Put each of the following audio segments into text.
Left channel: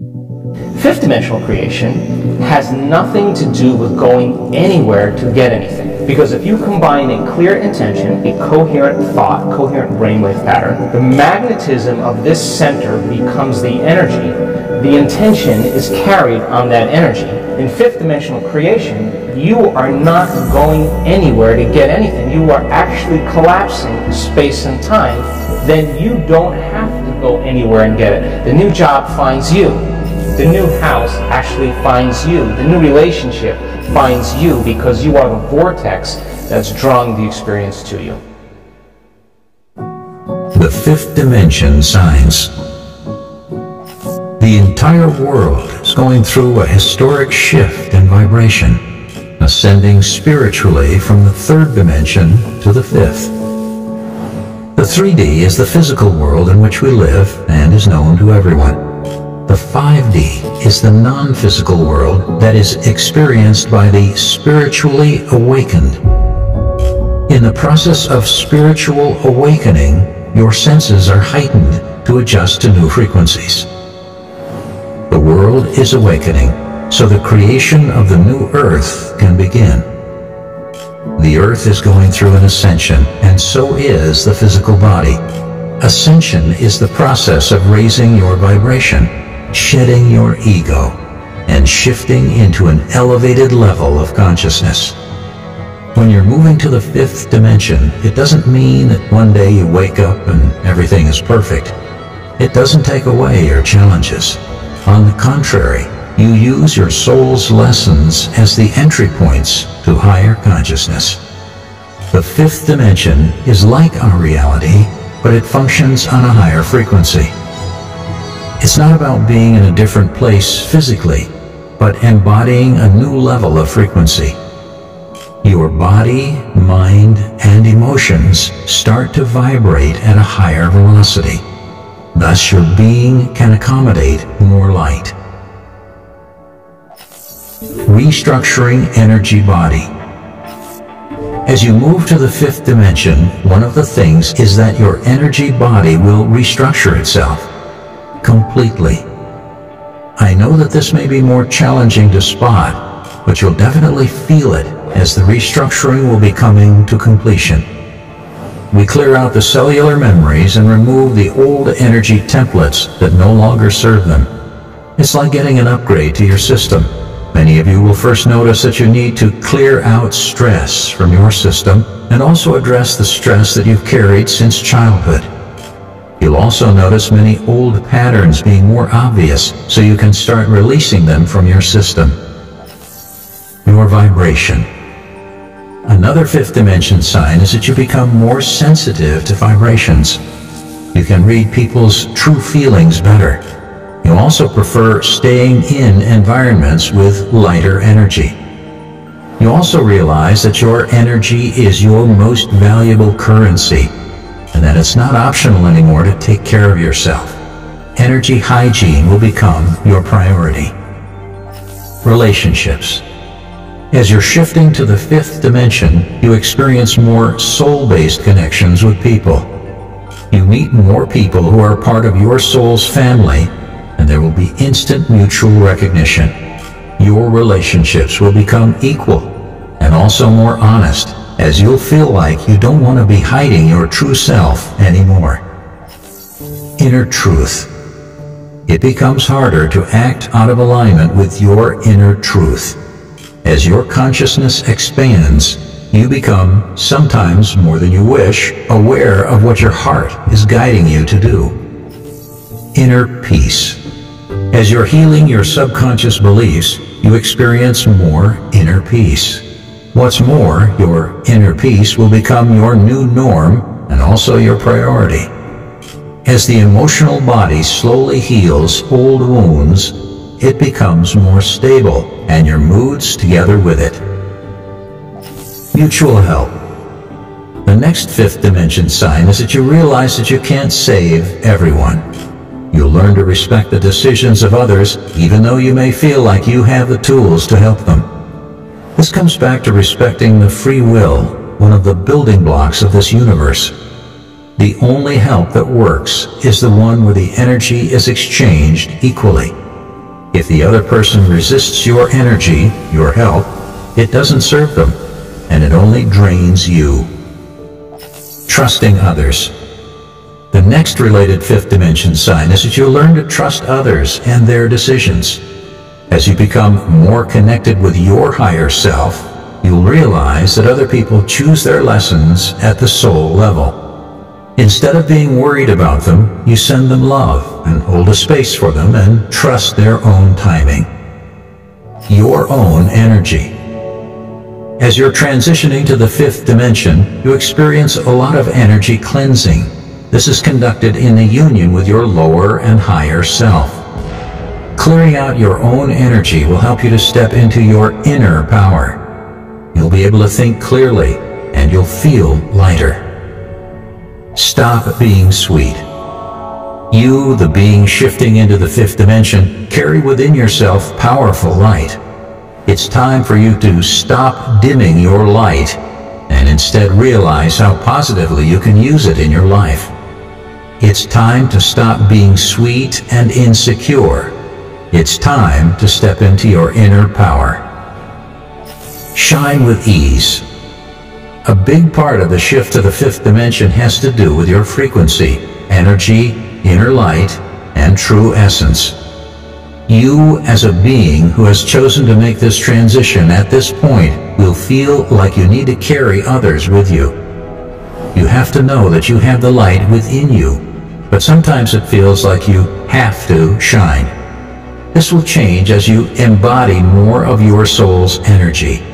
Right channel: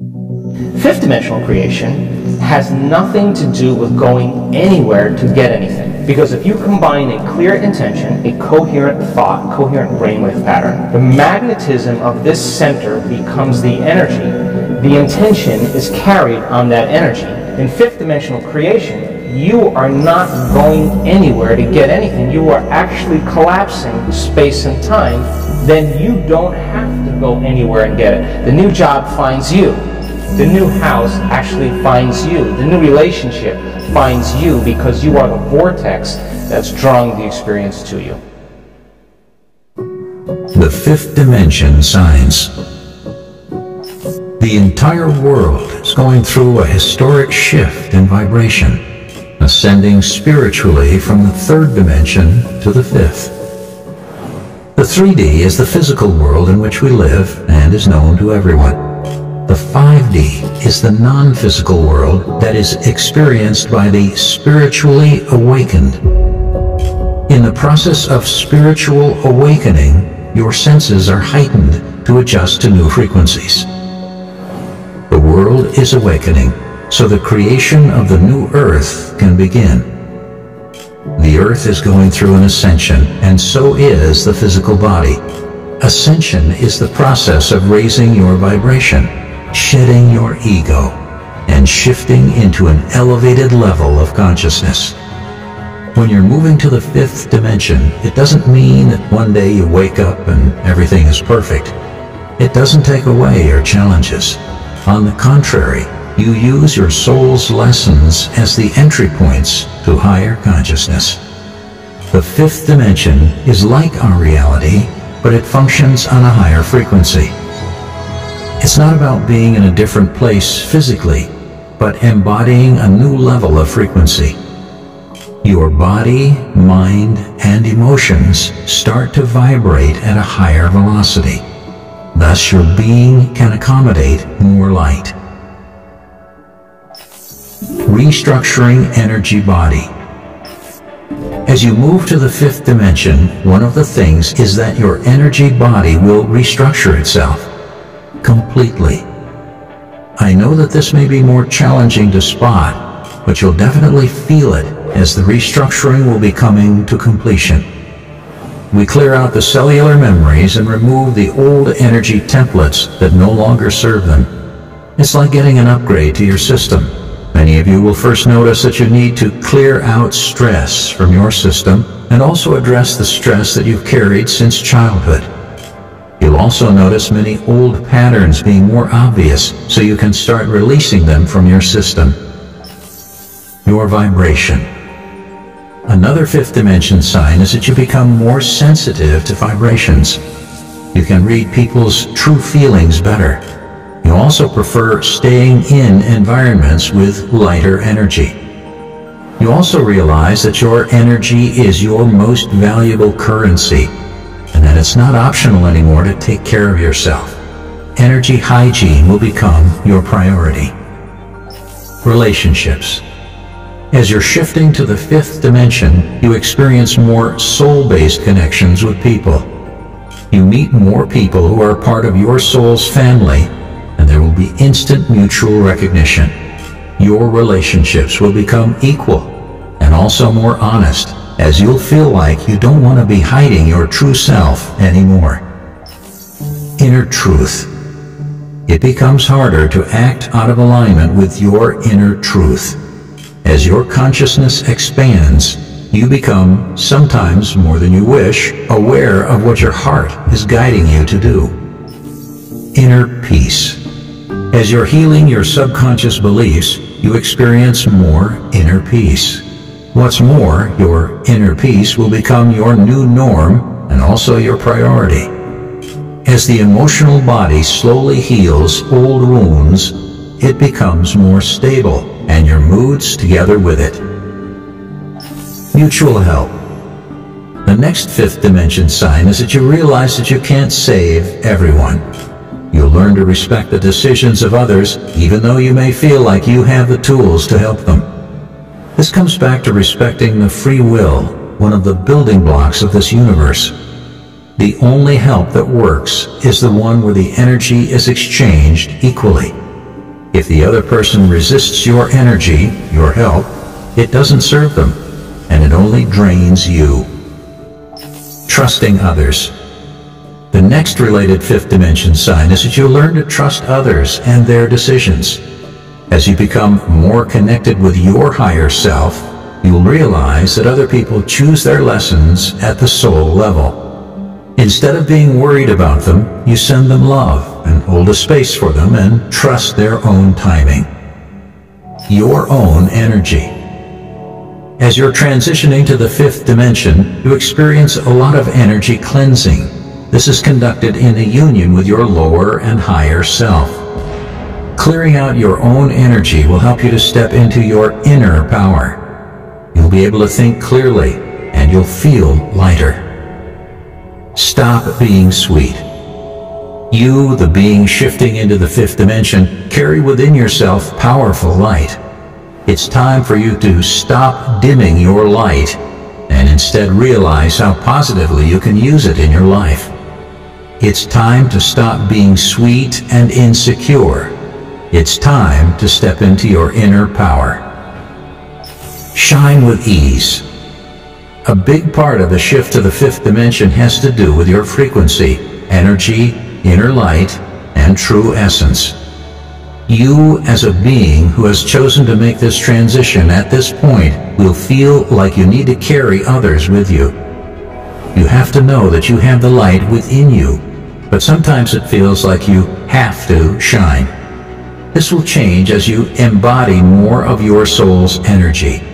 Fifth dimensional creation has nothing to do with going anywhere to get anything. Because if you combine a clear intention, a coherent thought, coherent brainwave pattern, the magnetism of this center becomes the energy. The intention is carried on that energy. In fifth dimensional creation, you are not going anywhere to get anything. You are actually collapsing space and time. Then you don't have to go anywhere and get it. The new job finds you. The new house actually finds you. The new relationship finds you because you are the vortex that's drawing the experience to you. The fifth dimension signs. The entire world is going through a historic shift in vibration, ascending spiritually from the third dimension to the fifth. The 3D is the physical world in which we live and is known to everyone. The 5D is the non-physical world that is experienced by the spiritually awakened. In the process of spiritual awakening, your senses are heightened to adjust to new frequencies. The world is awakening, so the creation of the new earth can begin. The earth is going through an ascension, and so is the physical body. Ascension is the process of raising your vibration, shedding your ego, and shifting into an elevated level of consciousness. When you're moving to the fifth dimension, it doesn't mean that one day you wake up and everything is perfect. It doesn't take away your challenges. On the contrary, you use your soul's lessons as the entry points to higher consciousness. The fifth dimension is like our reality, but it functions on a higher frequency. It's not about being in a different place physically, but embodying a new level of frequency. Your body, mind, and emotions start to vibrate at a higher velocity. Thus, your being can accommodate more light. Restructuring energy body. As you move to the fifth dimension, one of the things is that your energy body will restructure itself completely. I know that this may be more challenging to spot, but you'll definitely feel it as the restructuring will be coming to completion. We clear out the cellular memories and remove the old energy templates that no longer serve them. It's like getting an upgrade to your system. Many of you will first notice that you need to clear out stress from your system and also address the stress that you've carried since childhood. You'll also notice many old patterns being more obvious, so you can start releasing them from your system. Your vibration. Another fifth dimension sign is that you become more sensitive to vibrations. You can read people's true feelings better. You also prefer staying in environments with lighter energy. You also realize that your energy is your most valuable currency, and that it's not optional anymore to take care of yourself. Energy hygiene will become your priority. Relationships. As you're shifting to the fifth dimension, you experience more soul-based connections with people. You meet more people who are part of your soul's family, and there will be instant mutual recognition. Your relationships will become equal and also more honest, as you'll feel like you don't want to be hiding your true self anymore. Inner truth. It becomes harder to act out of alignment with your inner truth. As your consciousness expands, you become, sometimes more than you wish, aware of what your heart is guiding you to do. Inner peace. As you're healing your subconscious beliefs, you experience more inner peace. What's more, your inner peace will become your new norm and also your priority. As the emotional body slowly heals old wounds, it becomes more stable, and your moods together with it. Mutual help. The next fifth dimension sign is that you realize that you can't save everyone. You'll learn to respect the decisions of others, even though you may feel like you have the tools to help them. This comes back to respecting the free will, one of the building blocks of this universe. The only help that works is the one where the energy is exchanged equally. If the other person resists your energy, your help, it doesn't serve them, and it only drains you. Trusting others. The next related fifth dimension sign is that you learn to trust others and their decisions. As you become more connected with your higher self, you'll realize that other people choose their lessons at the soul level. Instead of being worried about them, you send them love and hold a space for them and trust their own timing. Your own energy. As you're transitioning to the fifth dimension, you experience a lot of energy cleansing. This is conducted in a union with your lower and higher self. Clearing out your own energy will help you to step into your inner power. You'll be able to think clearly, and you'll feel lighter. Stop being sweet. You, the being shifting into the fifth dimension, carry within yourself powerful light. It's time for you to stop dimming your light and instead realize how positively you can use it in your life. It's time to stop being sweet and insecure. It's time to step into your inner power. Shine with ease. A big part of the shift to the fifth dimension has to do with your frequency, energy, inner light, and true essence. You, as a being who has chosen to make this transition at this point, will feel like you need to carry others with you. You have to know that you have the light within you, but sometimes it feels like you have to shine. This will change as you embody more of your soul's energy.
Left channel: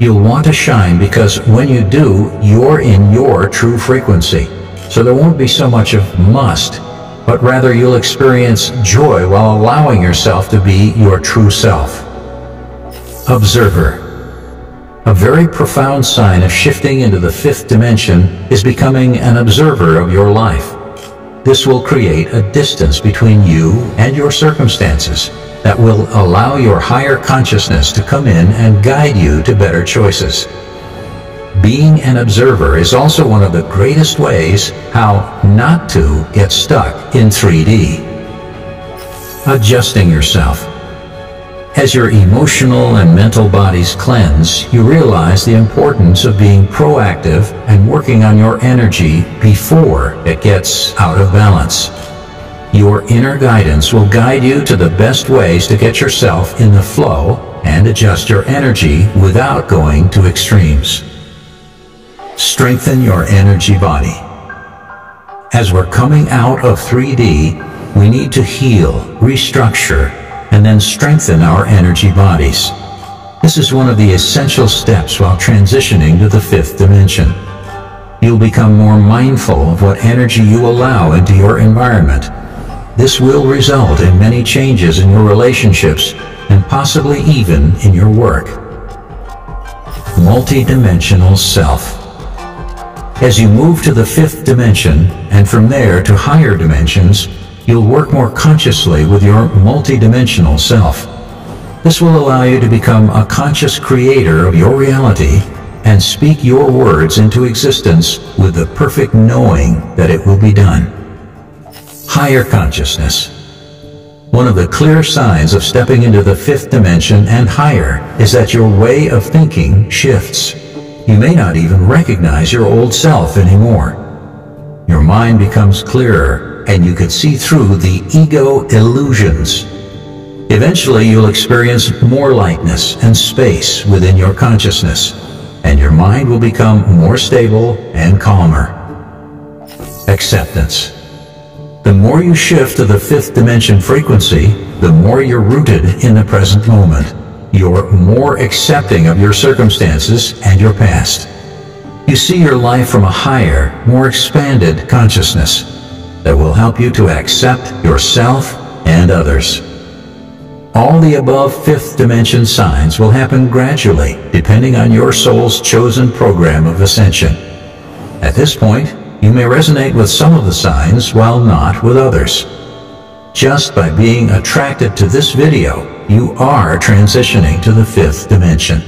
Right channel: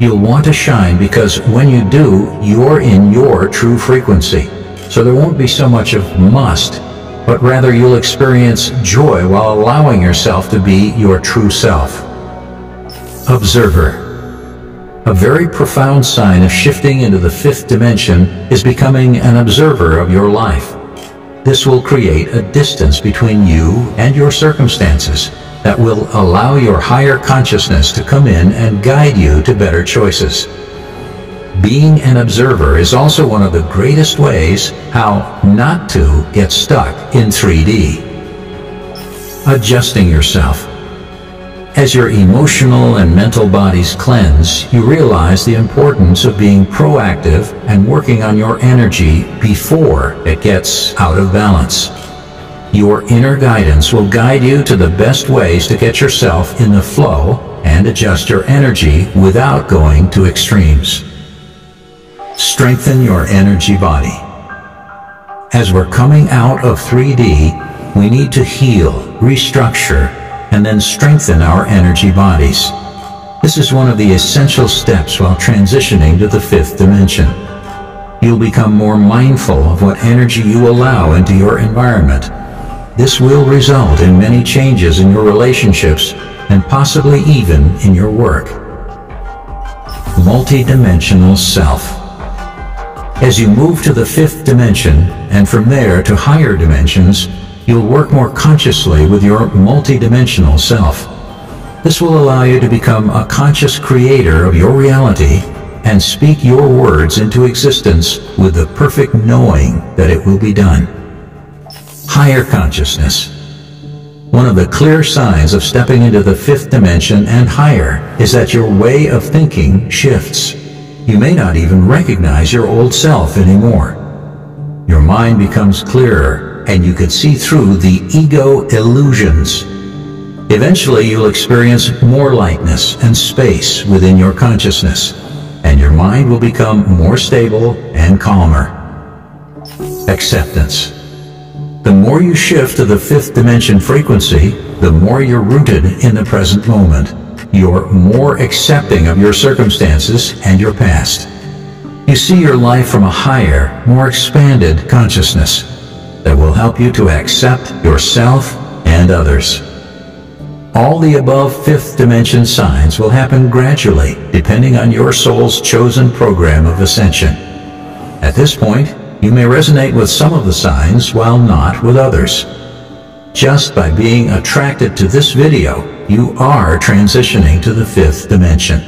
You'll want to shine because when you do, you're in your true frequency. So there won't be so much of must, but rather you'll experience joy while allowing yourself to be your true self. Observer. A very profound sign of shifting into the fifth dimension is becoming an observer of your life. This will create a distance between you and your circumstances that will allow your higher consciousness to come in and guide you to better choices. Being an observer is also one of the greatest ways how not to get stuck in 3D. Adjusting yourself. As your emotional and mental bodies cleanse, you realize the importance of being proactive and working on your energy before it gets out of balance. Your inner guidance will guide you to the best ways to get yourself in the flow and adjust your energy without going to extremes. Strengthen your energy body. As we're coming out of 3D, we need to heal, restructure, and then strengthen our energy bodies. This is one of the essential steps while transitioning to the fifth dimension. You'll become more mindful of what energy you allow into your environment. This will result in many changes in your relationships and possibly even in your work. Multidimensional Self. As you move to the fifth dimension and from there to higher dimensions, you'll work more consciously with your multidimensional self. This will allow you to become a conscious creator of your reality and speak your words into existence with the perfect knowing that it will be done. Higher consciousness. One of the clear signs of stepping into the fifth dimension and higher is that your way of thinking shifts. You may not even recognize your old self anymore. Your mind becomes clearer, and you can see through the ego illusions. Eventually, you'll experience more lightness and space within your consciousness, and your mind will become more stable and calmer. Acceptance. The more you shift to the fifth dimension frequency, the more you're rooted in the present moment. You're more accepting of your circumstances and your past. You see your life from a higher, more expanded consciousness that will help you to accept yourself and others. All the above fifth dimension signs will happen gradually, depending on your soul's chosen program of ascension. At this point, you may resonate with some of the signs while not with others. Just by being attracted to this video, you are transitioning to the fifth dimension.